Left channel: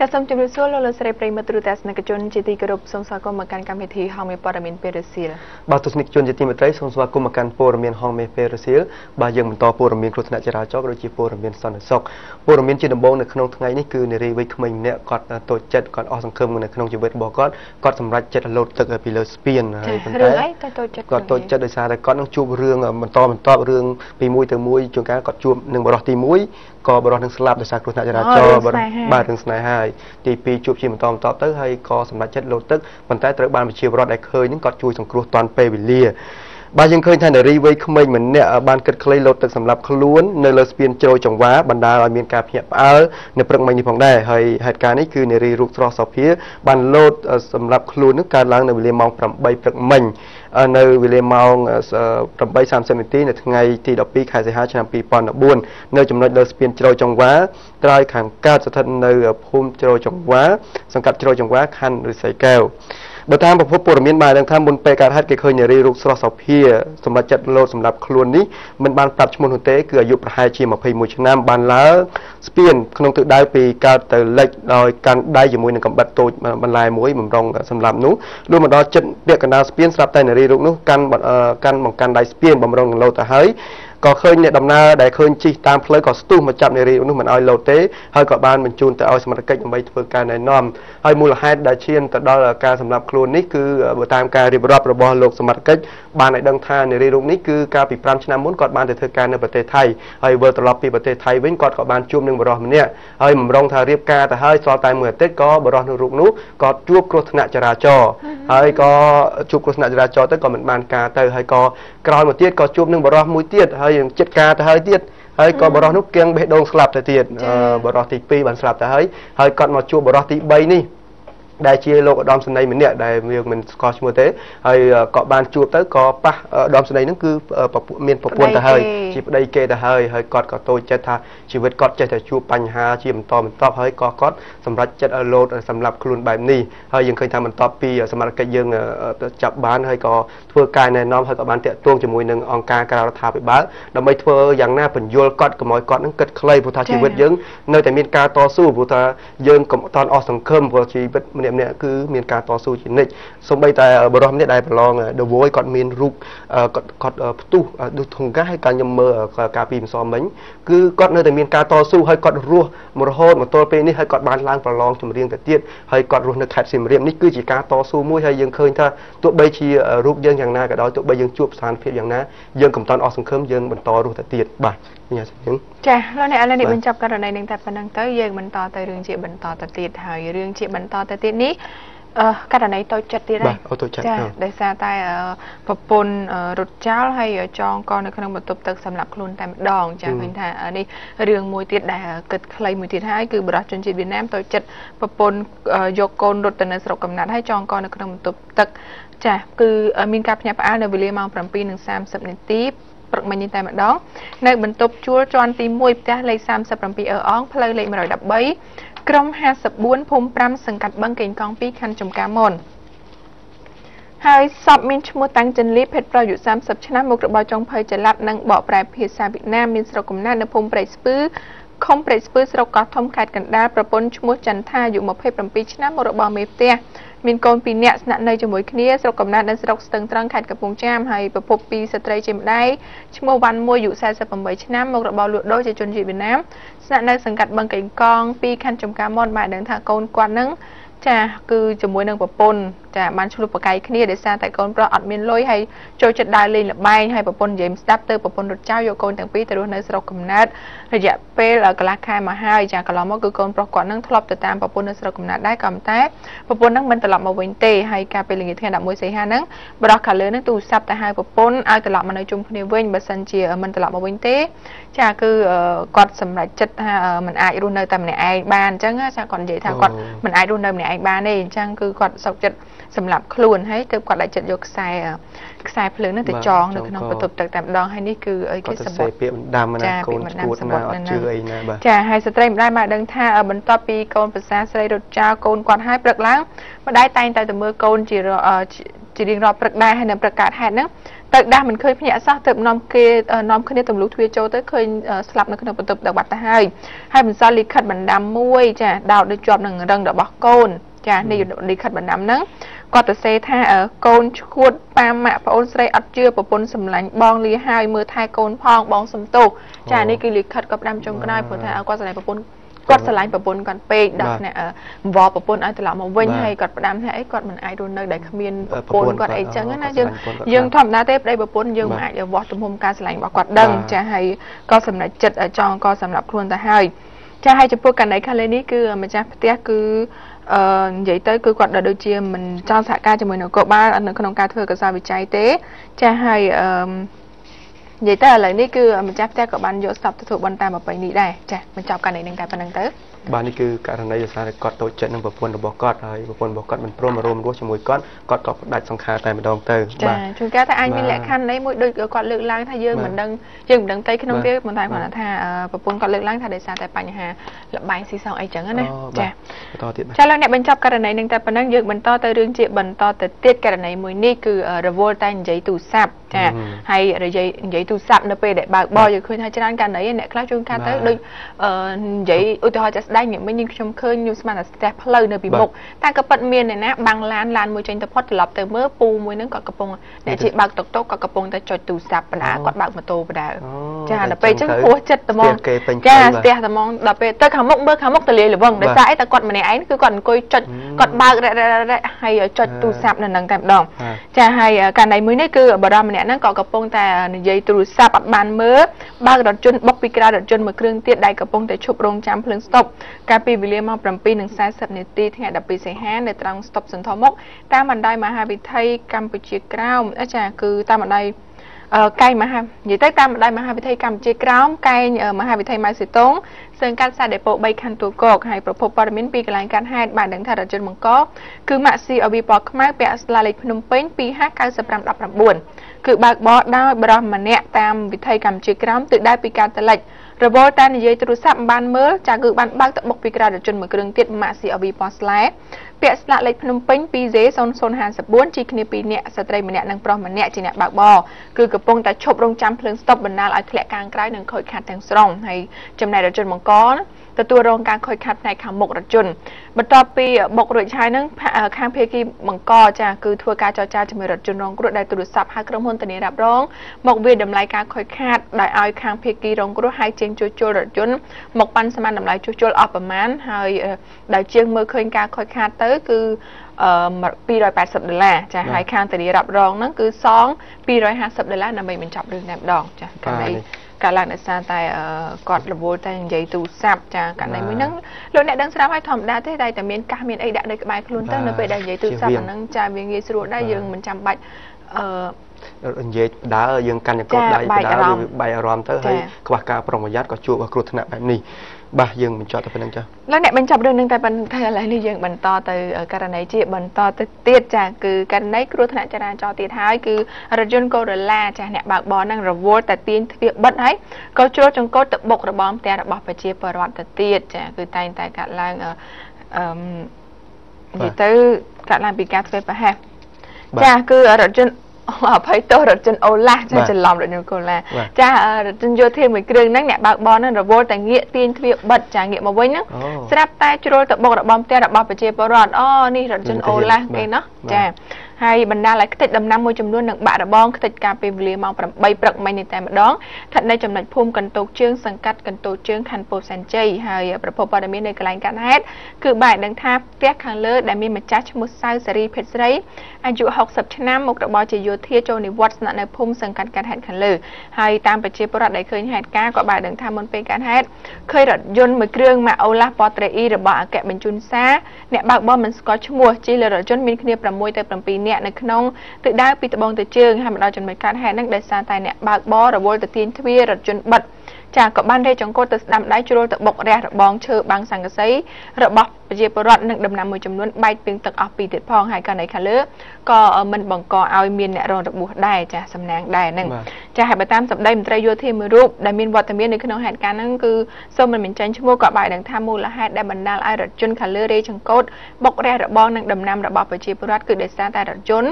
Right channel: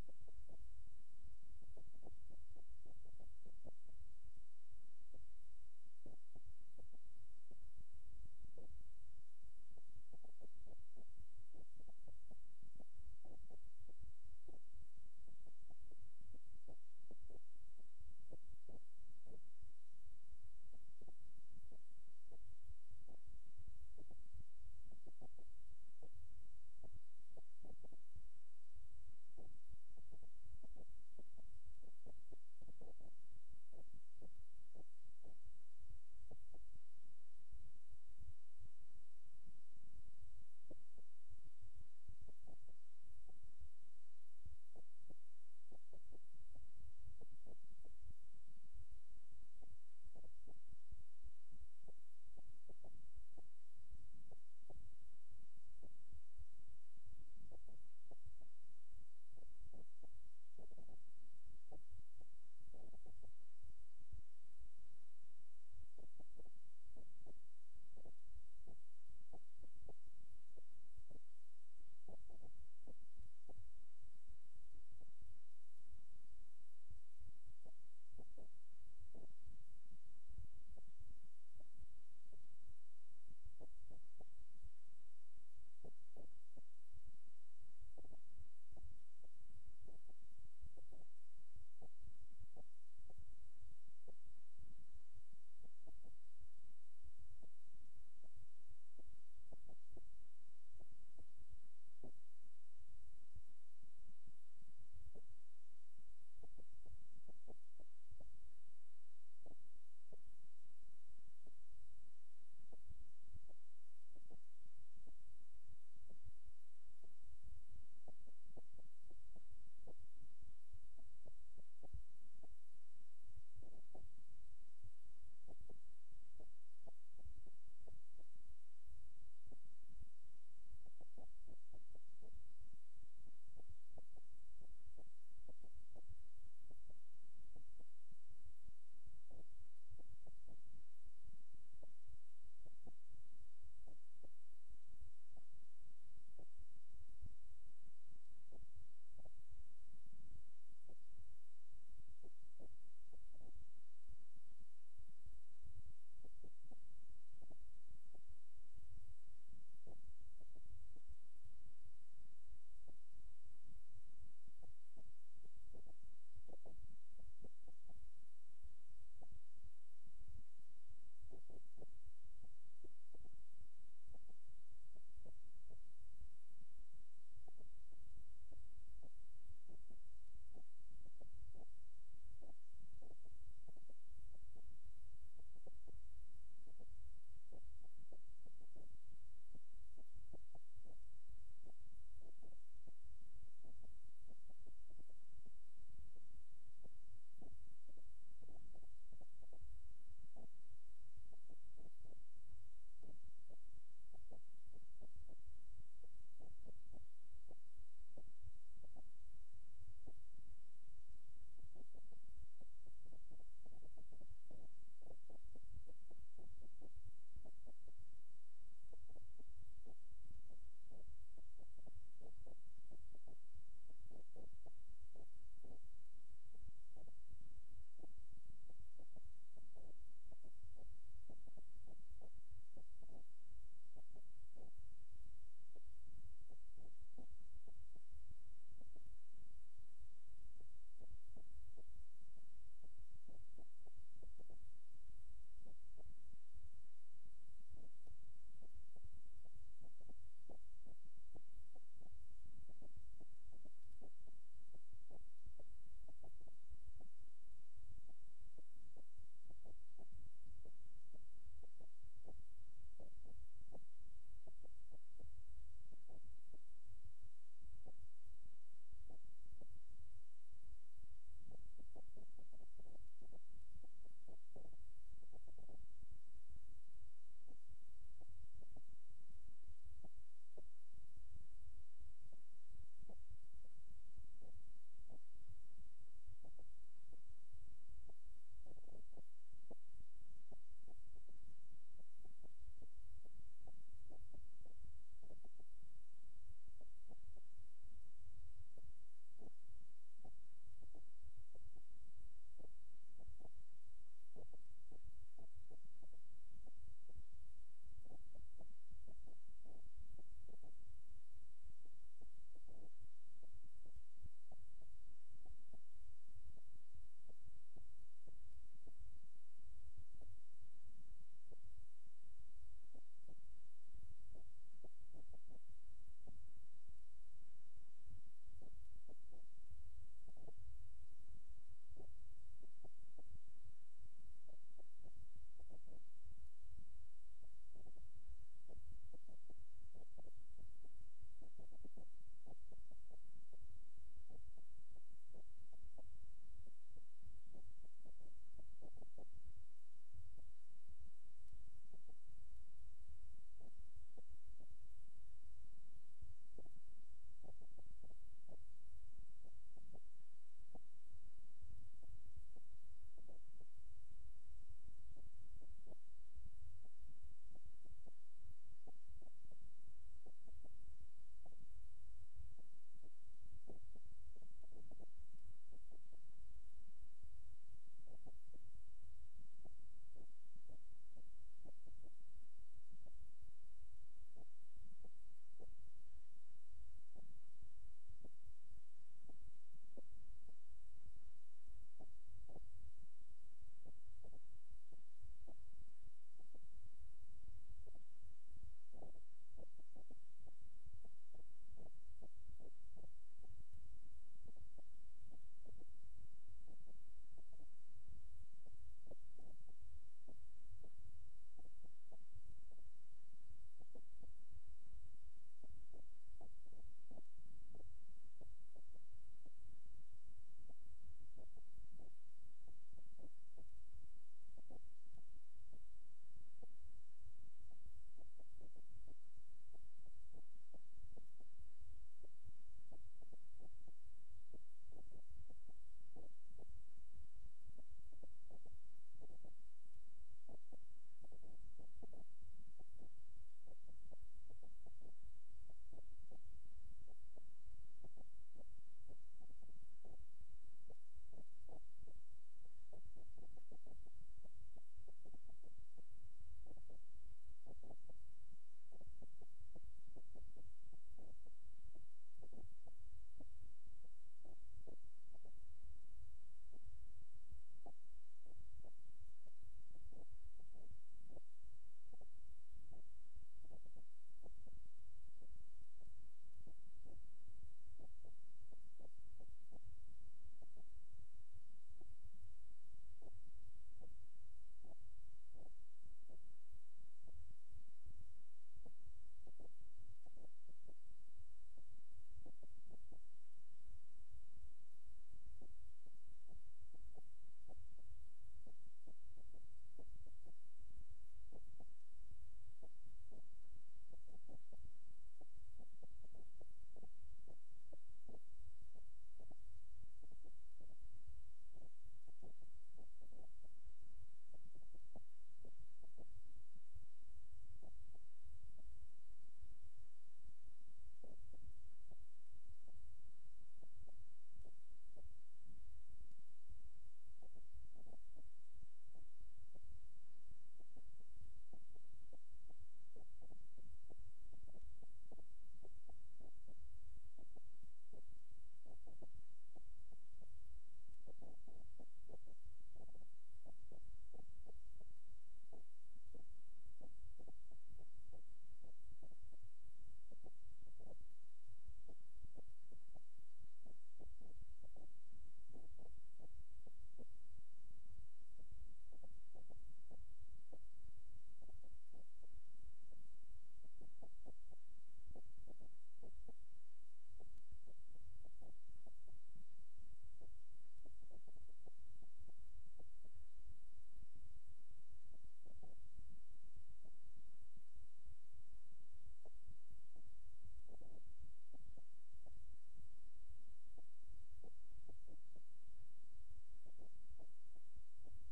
ចាសសូមជម្រាបសួរលោកលោកស្រីប្រិយមិត្តទូរទស្សនិកជនជាទីគោរពសូមស្វាគមន៍មកកាន់កម្មវិធីហងមេព័ត៌មានពេលរសៀលបាទទស្សនិកជនជាទីមេត្រីសូមស្វាគមន៍មកកាន់ព័ត៌មានហងមេពេលរសៀលបាទយើងបន្តព័ត៌មានគ្រោះថ្នាក់ចរាចរណ៍ក៏ដូចជាព័ត៌មានសន្តិសុខព័ត៌មានជាដំបូងនៅក្នុងថ្ងៃនេះគឺនារីវ័យក្មេងម្នាក់គាត់តូចចិត្តគាត់អស់សង្ឃឹមនៅក្នុងជីវិតរបស់គាត់សម្រេចចិត្តលោតទឹកពីលើស្ពានហើយប៉ុន្តែគាត់តូចចិត្តដោយសារតែគាត់នឹងជួបរឿងបន្តរឿងពីមួយទៅមួយជួនកាលគាត់ជួបនឹងបរិសុទ្ធទី1ក៏បរិសុទ្ធនឹងស្លាប់ដោយសារគ្រោះថ្នាក់ចរាចរណ៍បាទរឿងស្នេហាហើយទី2ជួបជាបន្តទៅហើយក៏សម្រេចចិត្តលោតទឹកប៉ុន្តែត្រូវបានប្រជាពលរដ្ឋដែលឃើញនឹងគាត់ជួយសង្គ្រោះទាន់ពេលវេលាបាទយើងឃើញថានារីវ័យក្មេងម្នាក់បានគិតខ្លីលោតទឹកសម្រាប់ខ្លួននៅលើស្ពានជ្រោយចង្វាបណ្ដាលឲ្យមានការភ្ញាក់ផ្អើលនៅព្រឹកមិញនេះផងដែរហើយហេតុការណ៍នេះគឺនារីរូបស្រស់សោភាបានលោតសម្រាប់ខ្លួននឹងកើតឡើងនៅវេលាម៉ោង8ព្រឹកមិញនៅវេលាម៉ោង8:30នាទីនៅថ្ងៃទី12ខែសីហាឆ្នាំ2014នៅចំណុចលើស្ពានជ្រោយចង្វាក្រោយខាងកើតស្ថិតនៅភូមិជ្រោយចង្វាសង្កាត់ជ្រោយចង្វាខណ្ឌឫស្សីកែវបើតាមប្រភពព័ត៌មានបានដឹងថាមុនពេលកើតហេតុគេឃើញនារីរូបស្រស់សោភាសម្រាប់ចិត្តលោតសម្រាប់ខ្លួននេះមិនបានប្រាប់ឈ្មោះនោះទេគឺអាយុប្រហែលជា21ឆ្នាំបានឡើងស្ពានក្នុងទិសដៅពីកើតទៅលិចដោយកាន់ដៃជាមួយនឹងកំបិតតូចបន្លែមួយបំរុងសម្រាប់នោះលុះមកដល់ចិត្តពាក់កណ្ដាលស្ពានស្រាប់តែនារីរូបនោះកាន់បង្កាន់ដៃស្ពានបំរុងនឹងលោតទៅហើយក៏ឃើញអ្នកដំណើរដែលឃើញជិះតាមផ្លូវក៏ស្ទុះមកចាប់នារីនោះមិនឲ្យលោតទេហើយក៏បានបញ្ជូនទៅឲ្យសមត្ថកិច្ចដើម្បីធ្វើការណែនាំហើយមូលហេតុដែលឈានទៅដល់ការសម្លាប់ខ្លួននេះគឺបើតាមការរៀបរាប់របស់លោកសមត្ថកិច្ចបានឲ្យដឹងថានារីរូបនេះគឺកាលពី5ឆ្នាំមុនគាត់បានទៅធ្វើការនៅប្រទេសថៃហើយវិលត្រឡប់ពីប្រទេសថៃវិញគាត់ក៏បានជួបនឹងបរិសម្នាក់ហើយបំរុងថារៀបការទៅហើយស្រាប់តែមួយអាទិត្យក៏បរិសរូបនោះក៏ជួបគ្រោះថ្នាក់ចរាចរណ៍ហើយក៏ជួបគ្រោះថ្នាក់ចរាចរណ៍ទៅក៏មិនបានការទៅហើយក៏ក្រោយមកទៀតក៏ជួបនឹងបរិសមួយទៀតហើយចិត្តការទៅហើយទៀតហើយក៏បរិសនោះគៀងបេះដូងស្លាប់ទៅទៀតបរិសទី2បានស្លាប់ទៅហើយគាត់មកជួបបរិសទី3នេះដែលជាលោកឧត្តមសេនីយ៍ម្នាក់ដែលយើងមិនស្គាល់ឈ្មោះទេហើយក៏បានជួបទៅក៏ប៉ះឧត្តមសេនីយ៍ហ្នឹងគឺមានប្រពន្ធទៅហើយជាប្តីគេទៅហើយគាត់ក៏តូចចិត្តថាជីវិតគាត់ចេះតែជួបបញ្ហាជាបន្តបន្ទាប់ហើយក៏គាត់សម្រេចចិត្តលោតសម្រាប់ខ្លួនបែបនេះហើយយើងឃើញថាបន្ទាប់ពីសមត្ថកិច្ចយើងចាប់បានហើយក៏ធ្វើការណែនាំហើយក៏បានតាក់ទងជាមួយនឹងអង្គការក្រៅរដ្ឋាភិបាលដើម្បីធ្វើយ៉ាងណាបញ្យល់គាត់កុំឲ្យគាត់នឹងគិតខ្លីព្រោះថាជីវិតយើងនៅតែមានការតស៊ូព្រោះថាយើងកុំអត់អស់សង្ឃឹមព្រោះជីវិតម្នាក់គឺមានការតស៊ូជានិច្ចសូម្បីតែបរិសម្នាក់ដែលប្រឡង The Voice គាត់មានរូបគាត់ផ្ទុះដូចធង្កាហើយការខ្ញុំមើលការពីម្សិលមិញគឺគាត់នៅតែមានការតស៊ូហើយគាត់រស់មករហូតមកទល់ពេលនេះហើយគាត់បានឡើងប្រឡងចម្រៀងទៅទៀតហើយគាត់រស់នៅខេត្តសៀមរាបនេះគឺជាការតស៊ូមួយហើយយើងឃើញថាទោះបីជារូបយើងយ៉ាងណាក៏ដោយទោះបីយើងជួបស្ថានភាពយ៉ាងណាយើងកុំតាន់អស់សង្ឃឹមយើងបន្តរស់ទៅទៀតបាទញ៉ាំចឹងចាលោកអ្នកឥឡូវនេះបញ្ចប់ករណីនឹងតែប៉ុណ្្នឹងទៅយើងបន្តទៅរឿងជាបន្តទៅទៀតហើយរឿងជាបន្តទៅទៀតនេះករណីតូចចិត្តទៀតហើយចាដោយសារតែប្រពន្ធរត់ចោលហើយចងកនៅក្នុងបន្ទប់ទឹកសម្រាប់ខ្លួនតែម្ដងចាឃើញថានេះរឿងមួយទៀតដែលគិតខ្លីមួយទៀតហើយគឺបរិសុទ្ធជនជាតិវៀតណាមតូចចិត្តប្រពន្ធយកកូនរត់ទៅនៅស្រុកកំណើតហើយចងកនៅក្នុងបន្ទប់ទឹកចាគឺមានការភ្ញាក់ផ្អើលនៅវេលាម៉ោង7:30នាទីព្រឹកមិញនេះតែម្ដងនៅបន្ទប់ជួលជាន់ទី1ផ្ទះលេខ37អឺអងផ្លូវលេខ113ក្រុម54ភូមិ5សង្កាត់បឹងកេងកង2ខណ្ឌចំការមនហើយសពមានឈ្មោះតាំងចិនលីភេទប្រុសអាយុ30ឆ្នាំមុខរបរចុងភៅចល័តនិងបកប្រែភាសាវៀតណាមមានស្រុកកំណើតនៅភូមិព្រែកស្ពឺខុំព្រែកស្ពឺស្រុកកោះធំខេត្តកណ្ដាលប្រពន្ធឈ្មោះចន្ទថាអាយុ27ឆ្នាំមុខរបរមេផ្ទះមានកូន2នាក់ស្នាក់នៅជាមួយគ្នាស្រុកកំណើតនៅស្រុកស្ទឹងត្រង់ខេត្តកំពង់ចាមហើយប្រពន្ធ2ស្ត្រីជាម្ដាយឈ្មោះវ៉ាន់មួយអាយុ48ឆ្នាំមុខរបរលក់ដូរជាជនជាតិវៀតណាមស្នាក់នៅសង្កាត់បឹងកេងកង2ខណ្ឌចំការមនបានដឹងថាកូនគាត់នឹងចាគឺជាមួយនឹងប្រពន្ធចាបានឆ្លុះប្រកែកគ្នាដោយសារតែកូនប្រុសអត់មានលុយហើយចូលចិត្តដើរលេងល្បែងហើយប្រពន្ធនិយាយស្ដាប់ទៅប្រពន្ធរត់ចោលយកកូនទាំងពីរទៅរស់នៅស្រុកកំណើតរយៈពេលកន្លះខែមកហើយចាកន្លងមកគឺកូនប្រុសគាត់នឹងធ្លាប់ទៅតាមប្រពន្ធនៅស្រុកកំណើតដែរក៏ប៉ុន្តែប្រពន្ធនឹងមិនត្រឡប់មកវិញទេហើយកាលពេលល្ងាចថ្ងៃ11សីហាហ្នឹងបរិសខាងលើនឹងទូរស័ព្ទទៅហៅប្រពន្ធឲ្យត្រឡប់មកនៅជុំគ្នាវិញបើសិនជាមិនត្រឡប់មកវិញទេចាគឺគាត់សម្រេចចិត្តថាមិនអាចរស់នៅតែម្នាក់ឯងបានអញ្ចឹងចាគាត់និយាយថាគាត់មិនអាចរស់នៅម្នាក់ឯងបានទេអញ្ចឹងគឺគាត់សោកចិត្តសម្រាប់ខ្លួនហើយទើបគាត់ដាក់ចិត្តយកខ្សែភ្លើងនឹងទៅចងនៅក្នុងបន្ទប់ទឹកតែម្ដងហើយនេះគឺអីគេសម្បត្តិពាក្យបណ្ដាំណាកូនឈួតណាអត់ជឿអីណាបាទចាហើយស្ត្រីម្ដាយបានដឹងថាបន្ទាប់ពីកូនប្រសាស្រីរត់ចោលកូនគាត់ហើយព្រឹកឡើងម្ដាយតែងតែទៅមើលកូនជារៀងរាល់ព្រឹកដែរហើយនៅព្រឹកកើតហេតុហ្នឹង ទៅដាស់មិនឃើញភ្ញាក់សោះទៅនាំគេនាំគ្នាទម្លុះទ្វារចូលទៅឃើញស្លាប់នៅក្នុងបន្ទប់ទឹកបាត់ទៅហើយបន្សល់លិខិតបណ្ដាំមួយចាដោតដូចជាប់នឹងរឹងរបស់កូនចានេះលិខិតបណ្ដាំហ្នឹងគាត់ទៅសេថាកូនឈួតប៉ាម៉ាក់ប្អូនស្រីអត់ជឿប្រពន្ធសម្លាញ់បងលាហើយមើលថែកូនផងបងសំទោសចានេះគឺលិខិតគាត់ផ្ដាំចុងក្រោយព្រោះថាគាត់ស្រឡាញ់ប្រពន្ធគាត់ស្រឡាញ់ប្រពន្ធគាត់ពេកដល់អ្នកអង្វរប្រពន្ធឲ្យត្រឡប់មកវិញហើយគាត់ផ្ដាំថាអីគាត់មិនអាចរស់នៅដែលគ្មានប្រពន្ធគាត់អីចឹងណាយើងធម្មតាទេប្តីប្រពន្ធយើងមិនអាចវាស់ទំហំការស្រឡាញ់របស់គាត់ដឹងចាហើយក៏សម្រេចចិត្តចង់ក៏សម្រាប់ខ្លួនទៅហើយចាហើយចំពោះករណីខាងលើនេះគឺម្ចាស់ផ្ទះគឺនិយាយទៅគឺគាត់ដូចជាមិនចង់សហការជាមួយនគរបាលនៅក្នុងការធ្វើកសោវិច័យទេចាហើយនិយាយទៅឥឡូវនេះគឺម្ចាស់ផ្ទះក៏បានយកស្ទប់ទទួលបន្តាមប្រពៃនេះដែរចាបញ្ចប់ករណីនឹងតែប៉ុណ្្នឹងទៅបាទនេះគឺករណីដោយសារតែគាត់តូចចិត្តនឹងប្រពន្ធរបស់គាត់ហើយប្រពន្ធរបស់គាត់មិនព្រមរួមរស់ជាមួយគាត់ក៏ផ្ដាច់សង្ខារតែម្ដងទៅចាជួនកាលថាអាចមានលក្ខខណ្ឌនៃមួយដូចគាត់លើកឡើងថាយើងមិនដឹងទៅក្នុងវាប៉ុន្តែគាត់ថាប្រពន្ធគាត់លើកឡើងថាដោយសារតែបញ្ហាលបែងស៊ីសងអីចឹងណាចាបន្តទៀតចាឥឡូវអ្នកបញ្ចប់ករណីនឹងតែប៉ុណ្្នឹងយើងបន្តទៅរឿងជាបន្តទៅទៀតករណីមួយនេះគឺរវល់តែនិយាយទូរស័ព្ទចាហើយនិយាយទូរស័ព្ទនៅពេលដែលបើកបរយើងឃើញថាច្រើនករណីអ្នកខ្លះជួនកាលទៅដូចនិយាយឧទាហរណ៍ចាស់ស្ដែងមិញខ្ញុំឃើញខ្ញុំស្មានតែស្ទះផ្លូវនៅពីមុខតែក៏ប៉ិតមានអ្នកណាបាំងឡានមួយចេញទៅផុតត្រឡប់ទៅមើលពូមួយហ្នឹងគាត់កំពុងអ្នកជិះបើកតុកតុកគាត់កំពុងតែចុចទូរស័ព្ទបណ្ដាគាត់បើកម៉ូតូបណ្ដាចាដល់ពេលអញ្ចឹងហួសចិត្តត្មងចាស្ទះត្មងដល់ពេលទៅខាងមុខមើលខាងមុខទលាយល្វឹងដោយសារអីតែគាត់ម្នាក់ឯងគឺគាត់អង្គុយចុចគាត់បើករ៉ែហើយចុចទូរស័ព្ទនៅនឹងតែម្ដងចាហើយករណីមួយនេះគឺបារម្ភម្នាក់ហ្នឹងក៏កំពុងតែនិយាយទូរស័ព្ទអត់បានមើលបើករថយន្តបុកពីក្រៅរថយន្តមួយគ្រឿងទៀតដែលកំពុងតែឈប់រងចាំភ្លើងស្តុបកាលពីវេលាម៉ោង 7:40 នាទីថ្ងៃ 12 សីហានៅត្រង់ស្តុបសន្ធមុខតាមបណ្ដោយមហាវិថីកម្ពុជាក្រោមចាគឺតាមបណ្ដោយកែងមហានិយាយទៅតាមបណ្ដោយមហាវិថីកម្ពុជាក្រោមកែងមហាវិថីម៉ៅសេតុងសើងកាត់ខ្សែដេប៉ូ3ខណ្ឌទួលគោកហើយប្រភពព័ត៌មានពីកន្លែងកាត់ហេតុបានដឹងថារថយន្តបង្កគឺម៉ាក់ស៊ីអវីពណ៌ខ្មៅពាក់ស្លាលេខភ្នំពេញ 2H9519 គឺបើកបរដោយបរិសម្នាក់តាមវិថីកម្ពុជាក្រោមទិសដៅពីការតលិចរវល់តែនិយាយទូរស័ព្ទមិនបានមើលចាគឺបានបើកទៅបុកពីក្រៅរថយន្តមួយគ្រឿងទៀតម៉ាក់ស៊ីអវីពណ៌ស្លែពាក់ស្លាកលេខភ្នំពេញ 2J0054 ជិះគ្នា2នាក់ស្ត្រីម្នាក់និងប្រុសម្នាក់ជាអ្នកបើកបរគឺកំពុងតែឈប់រងចាំភ្លើងស្តុបបណ្ដាលឲ្យធ្លាក់ខាងក្រៅនិងខូចខាតទាំងស្រុងហើយចំណែករថយន្តបង្កទទួលរងការខូចខាតផ្នែកខាងមុខរថយន្តបន្ទាប់ពីបុករួចហើយនឹងខាងភាគីបង្កចាគឺធ្វើការចរចាជាមួយរថយន្តរងគ្រោះដែលទូរស័ព្ទហៅក្រុមហ៊ុនធានារ៉ាប់រងមកវាតម្លៃការខូចខាតដោយឲ្យខាងភាគីរងគ្រោះហើយជាងជួសជុលរថយន្តមកប៉ាន់ស្មានតម្លៃជួសជុលអស់ប្រមាណហើយដែលជាងមើលឃើញការខូចខាតទៅគឺ$280ចាហើយខាងធានារ៉ាប់រងហ្នឹងគឺសង$250ដើម្បីបញ្ចប់រឿងតែម្ដងចាកាលនេះកាលឡើងដោយសារតែគាត់រវល់តែនិយាយទូរស័ព្ទចាករណីមួយហ្នឹងលោកអ្នកដឹងស្រាប់ហើយធម្មតាទេតែមានកាសមានអីដាក់នៅក្បែរខ្លួនទៅនៅពេលដែលនិយាយទូរស័ព្ទហ្នឹងចាវាងាយស្រួលដែរយើងមិនចាំបាច់និយាយដើរយើងកាន់ចង្កូតដៃដើរវាបែកអារម្មណ៍ទៅហើយខ្វះការប្រុងប្រយ័ត្នក៏ជួបគ្រោះថ្នាក់បែបនេះបាទយើងបញ្ចប់ទៅប៉ុណ្្នឹងចា៎លោកអ្នកបញ្ចប់រឿងនឹងតែប៉ុណ្្នឹងតែឥឡូវនេះយើងបន្តទៅករណីជាបន្តទៅទៀតចាគឺករណីគ្រោះថ្នាក់ចរាចរណ៍ទៀតហើយគឺរថយន្ត Corolla ចាអ្នកបើកបរនឹងរវល់តែទាញទ្វារបិទហើយក៏ជ្រុលចង្កូតទៅបុករបងផ្ទះរបស់ប្រជាពលរដ្ឋទៅទៀតចាគឺតែងតែកាត់ឡើងនិយាយទៅកាត់ឡើងពីការធ្វើប្រហែសចាគឺរថយន្តអភ័យទោសរថយន្តអូឡាចាច្រឡំរថយន្តកូឡាចារថយន្តយោធាមួយគ្រឿងហ្នឹងអ្នកបើកបរហ្នឹងរវល់តែងាកទាញទ្វារបិទចាងាកមកវិញហ្នឹងស្រាប់តែជ្រុលទៅបុករបងផ្ទះរបស់ប្រជាពលរដ្ឋនេះរថយន្តអូឡាគេណោះចាហើយបណ្ដាលឲ្យខ្ទេចដំណាំមួយចំនួននឹងបាក់របងខ្ទេចការពេលវេលាម៉ោង 8 ព្រឹកមិញនេះតែម្ដងស្ថិតនៅចំណុចភូមិកន្ទោកជើងសង្កាត់កន្ទោកជើងខណ្ឌពោធិ៍សែនជ័យហើយប្រភពព័ត៌មាននៅកន្លែងកាត់ហេតុគឺបានដឹងថាផ្ទះខាងលើដែលមានម្ចាស់ឈ្មោះសៅសេរីភេទស្រីអាយុ60ឆ្នាំមុខរបរជាយោធាចូលនិវត្តន៍ស្នាក់នៅភូមិសង្កាត់កាត់ហេតុខាងលើហើយតាមប្រជាពលរដ្ឋដែលឃើញហេតុការណ៍ក៏បានដឹងថាមុនពេលកាត់ហេតុឃើញរថយន្តមួយគ្រឿងម៉ាកអូឡាពណ៌ត្រេអ៊ីរបស់អគ្គបញ្ជូនសារអ្នកបើកបរមិនស្គាល់ឈ្មោះជិះលើរថយន្តមានគ្នា6ទៅ7នាក់នៅក្នុងទិសដៅពីត្បូងទៅជើងហើយមកដល់ចំណុចកាត់ហេតុហ្នឹងដោយសារតែអ្នកបើកបររវល់ទៅទាញទ្វាររថយន្តបិទចាក៏បានរេចចង្កូតទៅស្ដាំដៃជ្រុលទៅបុករះរបងឈើបាំងសង្កសីរបស់ ប្រជាពលរដ្ឋនិងដំណាំមួយចំនួនបែកពីទឹកអស់ពីទៀតផងហើយករណីខាងលើក៏មិនបង្កឲ្យមានអ្នករងរបួសដែរចាសំណាងដែរហ្នឹងចាហើយបើតាមសម្ដីមន្ត្រីយោធាមួយរូបដែលមានវត្តមាននៅក្នុងហេតុការណ៍ហ្នឹងគឺសូមមិនបញ្ចេញឈ្មោះក៏បាយដឹងថាមូលហេតុដែលបណ្ដាលឲ្យរថយន្តខាងលើរេចង្កូតបុករះរបងនិងដំណាំរបស់ប្រជាពលរដ្ឋគឺដោយសារតែរថយន្ត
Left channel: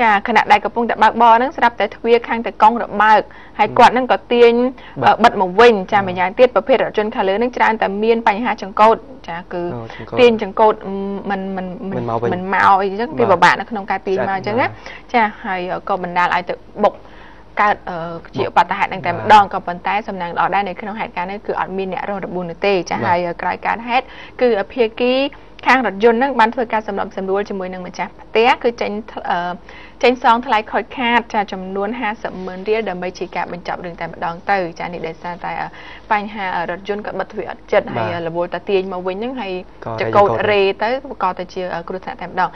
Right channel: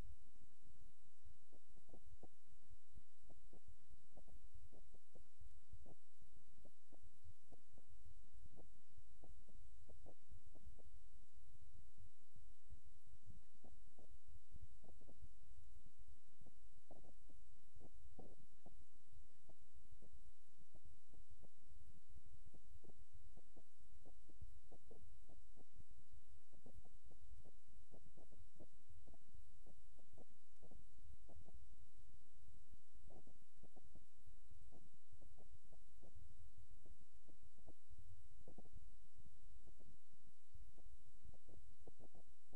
ចាខណៈដែលកំពុងតែបើកបរហ្នឹងស្រាប់តែទ្វារខាងតែកង់របើកហើយគាត់ហ្នឹងក៏ទាញបិទមកវិញចាម្យ៉ាងទៀតប្រភេទរថយន្តខាងលើហ្នឹងច្រើនតែមានបញ្ហាចង្កូតចាគឺទាញចង្កូតមិនមកអីចឹងវាពិបាកនៅក្នុងការទាញមកអញ្ចឹងណាចាហើយក៏បណ្ដាលឲ្យទៅបុកកើតជាឧបទ្ទហេតុនឹងតែម្ដងក៏ប៉ុន្តែសំណាងល្អដែរនៅក្នុងហេតុការណ៍នេះគឺអត់មានអ្នករងរបួសនោះទេចាហើយក្រោយកើតហេតុគឺភាគីខាងរថយន្តហ្នឹងបានធ្វើការសម្របសម្រួលជាមួយនឹងម្ចាស់ផ្ទះគឺចេញសងថ្លៃខូចខាតចាចំនួន50,000 រៀលដើម្បីជាការបញ្ចប់រឿងតែម្ដងទៅចានេះដោយសារតែបញ្ហារថយន្តក៏បិទទ្វារអត់ចិត្តហើយរវល់តាទាញមកវិញហ្នឹងហើយចកោតរេទៅក៏ទៅជាគ្រោះថ្នាក់តែម្ដង